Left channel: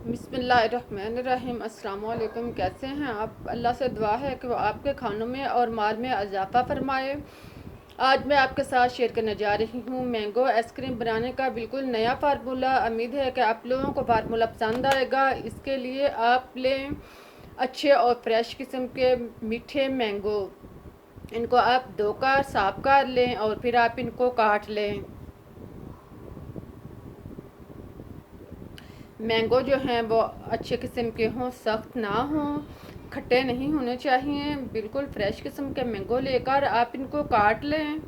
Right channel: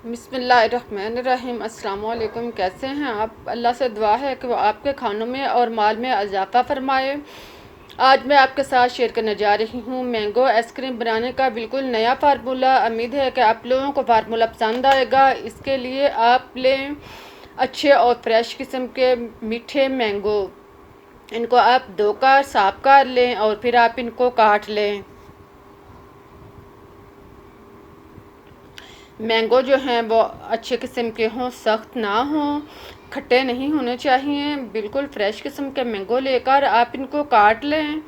बिस्मिल्लाहिर्रहमानिर्रहीम। अस्सलाम वालेकुम। कैसे हैं आप? अल्लाह से दुआ है कि वो आपके खानों में और माल में इजाफ़ा फरमाए। आज मैं आपके साथ शेयर करने जा रही हूँ मैंगो आइसक्रीम बनाने का बिल्कुल नया फार्मूला। उम्मीद है कि आप लोगों को फार्मूला पसंद आएगा। इसके लिए आप लें अच्छे और फ्रेश किस्म के मीठे मैंगो। इनको आप धोकर साफ कर लें और फिर आप इनको काट लें। मैंगो जो हैं वो अच्छे किस्म के हों, सख्त ना हों, खट्टे नहीं होने चाहिए। बिल्कुल फ्रेश किस्म के मैंगो लेकर आप इनको काट लें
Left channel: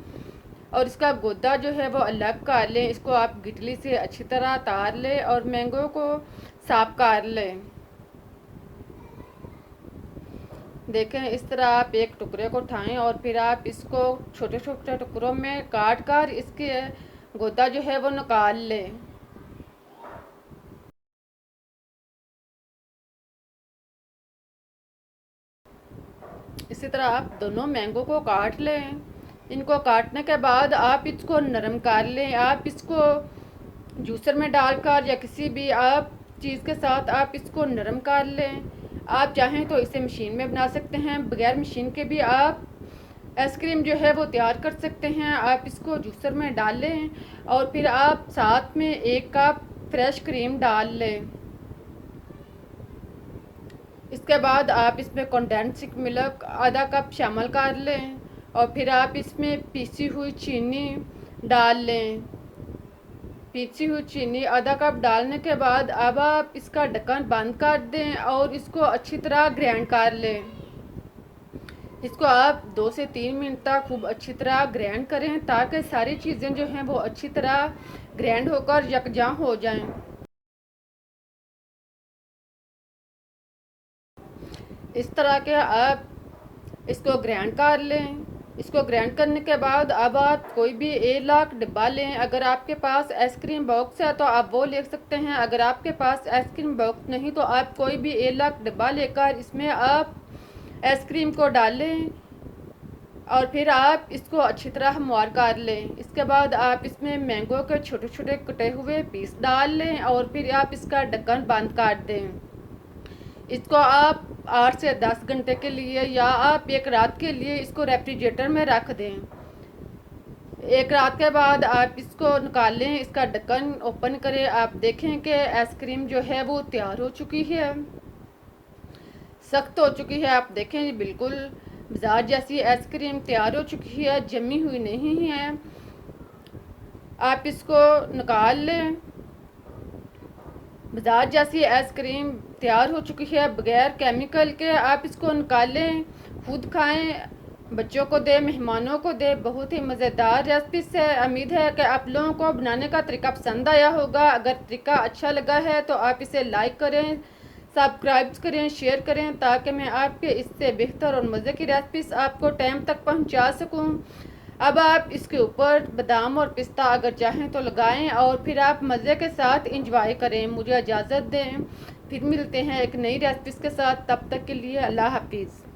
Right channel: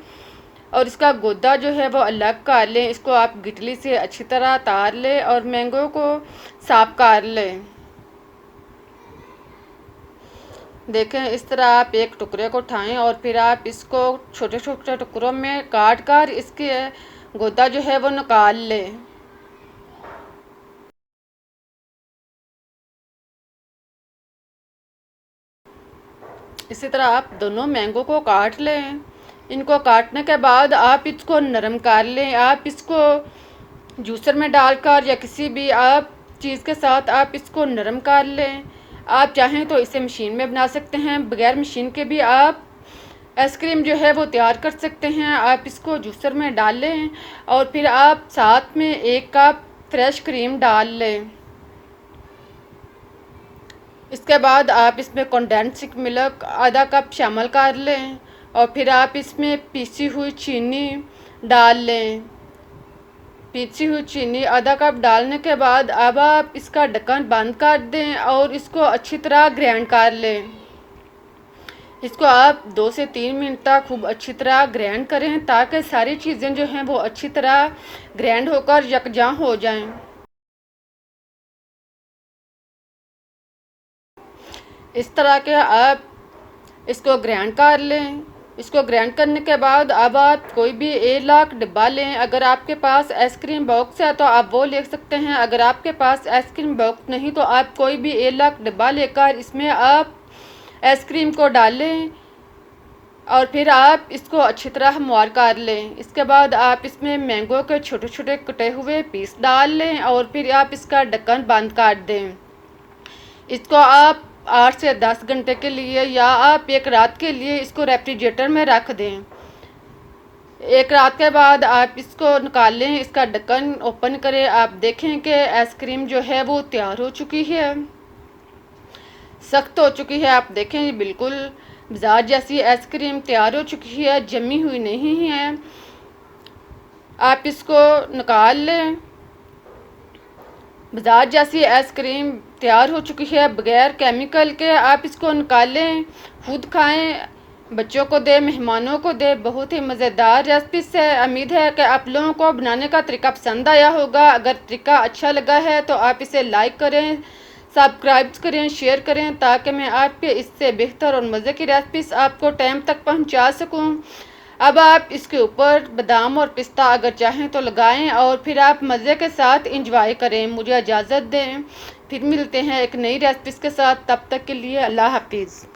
और इसका गुद्दा जो है वो अलग कर लें। इसको आप गिटली से अच्छी तरह तार लें और मैंगो को साफ कर लें। देखें, इस तरह आप एक टुकड़े को उठाएं और फिर आप इसको छोटे छोटे टुकड़ों में काट कर इसके गुद्दा जो है वो निकाल लें। इसी तरह आप दोनों मैंगो को काट लें। इनको काटने के बाद आप इसको नरम कर लें। आप इसको जूसर में डालकर या किसी भी आप चीज़ के साथ आप इसको नरम कर लें। आप चाहें तो इसे मशीन में बना सकते हैं, बगैर मशीन के भी आप आइसक्रीम जो है वो तैयार कर सकते हैं। आप इसको जूसर में डाल लें और फिर आप साथ में 1 कप फ्रेश क्रीम डाल लें। इसके बाद आप इसमें कंडेंस्ड मिल्क आधा कप शामिल कर लें और फिर आप इसमें पीसी हुई चीनी डाल लें। पीसी हुई चीनी आधा कप डालने के बाद अब आप इसका ढक्कन बंद कर दें और इसको अच्छी तरह ग्राइंड कर लें। इसको आप 2 से 3 मिनट तक खूब अच्छी तरह ग्राइंड करें ताकि सारी चीज़ें जो हैं वो अच्छी तरह ग्राइंड होकर यकजा हो जाएं। इस तरह के आप इसको ग्राइंड कर लें। इसको ग्राइंड करने के बाद अब आप कोई भी 1 लाख डिब्बा लें। अगर आपके पास आइसक्रीम बॉक्स है तो आप वो ले सकते हैं। अगर आपके पास आइसक्रीम बॉक्स नहीं तो आप कोई भी 1 लाख डिब्बा लेकर इसमें आप आइसक्रीम को डालें और फिर आप इसको अच्छी तरह हमवार कर लें। इसके बाद आप इसमें मैंगो के छोटे छोटे कटे हुए पीस डाल लें और फिर आप इसका ढक्कन बंद कर दें। इसको आप 8 से 10 घंटे के लिए या आप 1 रात के लिए इसको रेफ्रिजरेटर में रख दें। 1 रात के बाद आप इसको निकाल लें, इसका ढक्कन ओपन करें। आप देखें कि आइसक्रीम जो है वो तैयार हो चुकी है, सख्त हो चुकी है। आप देखें ये बिल्कुल बाजार जैसी आइसक्रीम तैयार हो चुकी है, जमी हुई नहीं है। आप इसको निकाल लें। बाजार जैसी आइसक्रीम तैयार हो चुकी है बगैर केमिकल के। आप इसको निकालें, खुद खाएं, बच्चों को दे, मेहमानों को दे। बहुत ही मज़ेदार रेसिपी है। उम्मीद है कि आप लोगों को बनाने का तरीका पसंद आया होगा। अगर तरीका अच्छा लगा है तो आप इसे लाइक करें, सब्सक्राइब करें, शेयर करें ताकि मैं आपके इससे बेहतर और मज़े की रेसिपीज़ आपको टाइम तक पहुंचा सकूं। अब आप इसके ऊपर बादाम और पिस्ता अगर चाहें तो लगाएं और फिर आप मज़े के साथ इंजॉय करें। मुझे इजाज़त दें, फिर मिलते हैं एक नई रेसिपीज़ के साथ। तब तक के लिए अल्लाह हाफिज़।